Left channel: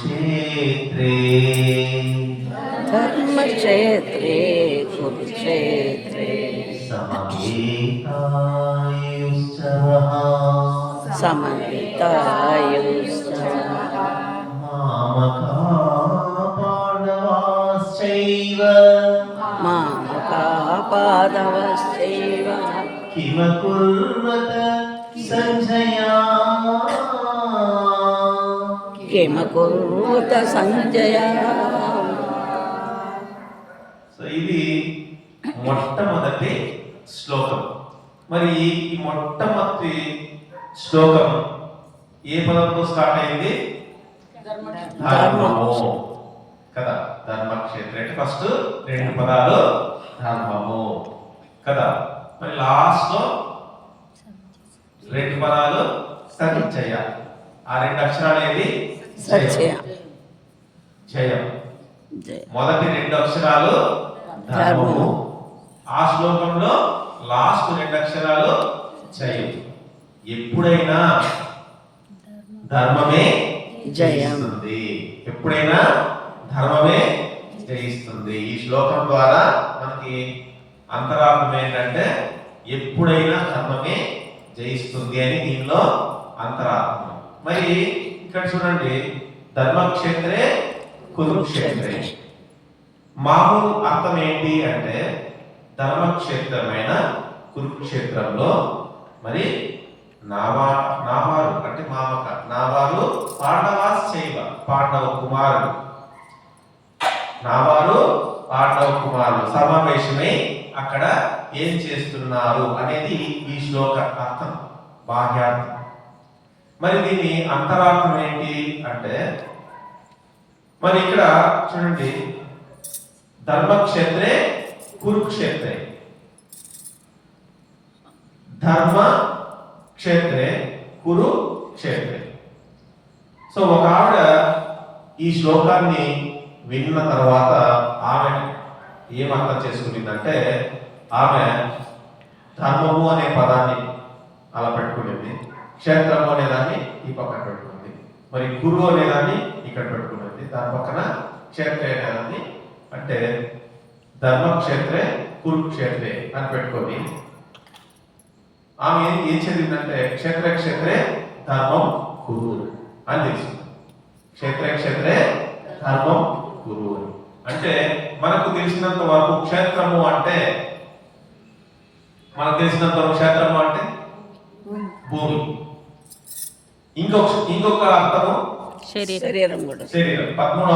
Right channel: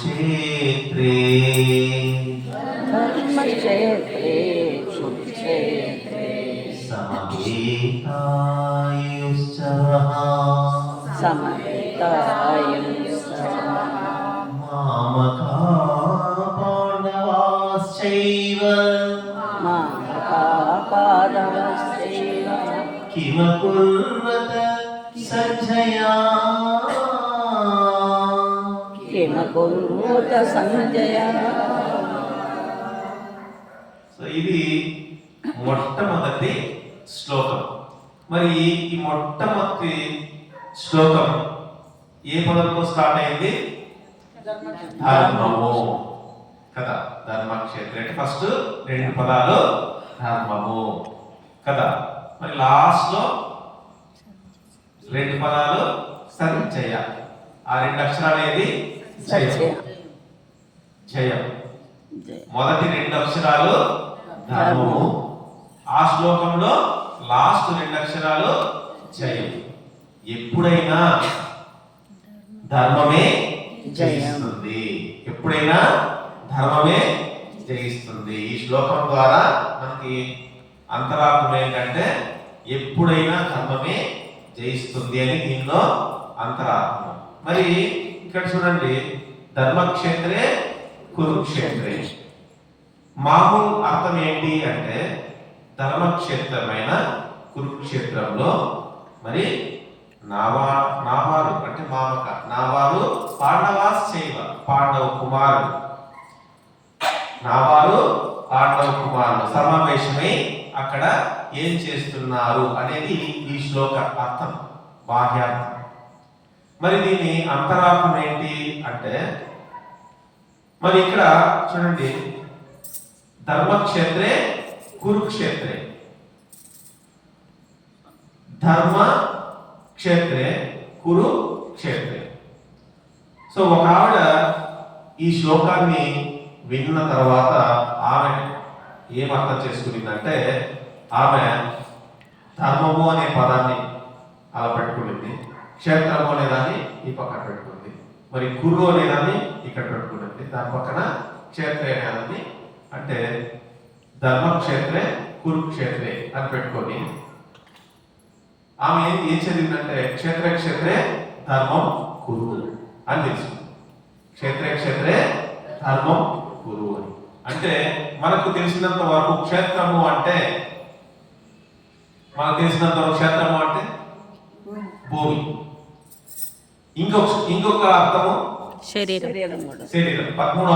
కురుక్షేత్రే ధర్మక్షేత్రే కురుక్షేత్రే సమవేతాయుశ్చరः సమవేతాయుస్తవ మామకా పాండవాశ్చైవ మామకాపాదవశ్చైవ కిమకుర్వత సంజయా కిమకోత Sanjaya so ఇది మొట్టమొదటి శ్లోకం. మరి ఈ మొట్టమొదటి శ్లోకం ఏ పదంతో స్టార్ట్ అయింది? ధర్మము. కదా ధర్మక్షేత్ర అంటే ఫస్ట్ రెండు పదాలు ధర్మము. కదా మరి లాస్ట్లో రెండు పదాలు సంచయ. ఆ రెండు అక్షరాలు ఏది జయం. మొదటి రెండు అక్షరాలు ధర్మము. ఆ శ్లోకంలో లాస్ట్ రెండు అక్షరాలు జయం. ఎప్పుడైనా ధర్మమే జయిస్తుంది. ఎప్పుడైనా ధర్మమే జయిస్తుంది. ఈ శ్లోకం ద్వారా మనకి అంతరార్థం ఏంటంటే ఎప్పుడైనా ధర్మమే జయిస్తుంది అని దీనిలో అంతరార్థం మరి ఇక్కడ చూడండి ధర్మక్షేత్రే కురుక్షేత్రే. మామూలు అర్థం ఏంటి అంటే ధర్మక్షేత్రమైన కురుక్షేత్రంలో మరి నావా నావారు అంటే మామక నావారు పాండవాస్ చేయవ పాండవ కుమారుడు నావారు పాండవ కుమారుడు సమావేశమై అక్కడ ఏం చేస్తున్నారు అనేది ఈ శ్లోక అర్థం బాహ్యార్థం. మరి దీని అంతరార్థం ఏంటి అంటే మరి ఇక్కడ చూడండి ధర్మక్షేత్రే కురుక్షేత్రే. ధర్మ క్షేత్రే కురుక్షేత్రే. సో ఒక ఆవిడ ఈ శ్లోకాన్ని విన్న తర్వాత ఆమె ఏమర్థం చేసుకునిందంటే ఆమె ధర్మము అనే పదాన్ని అలా పెట్టుకునింది క్షేత్రము అనే దాన్ని ఈ పక్కన పెట్టుకుంది. మరి గురువు అనే దాన్ని ఇక్కడ పెట్టుకున్నది దాని పక్కన క్షేత్ర అనే దాన్ని అంటే ధర్మక్షేత్రే కురుక్షేత్రే అని పెట్టుకొని ఆమె ఏం ఏం చదివిందంటే క్షేత్ర క్షేత్రే ధర్మం కురు అని. తెలిసింది క్షేత్ర క్షేత్రే ధర్మం కురు అని. అంటే మనకు తెలిసినంత వరకు క్షేత్రము అంటే మనకు తెలిసినంత వరకు క్షేత్రము అంటే? భూమి. ఇంకొక ఇంకొక అర్థము? శరీరం. శరీరం పదమూడు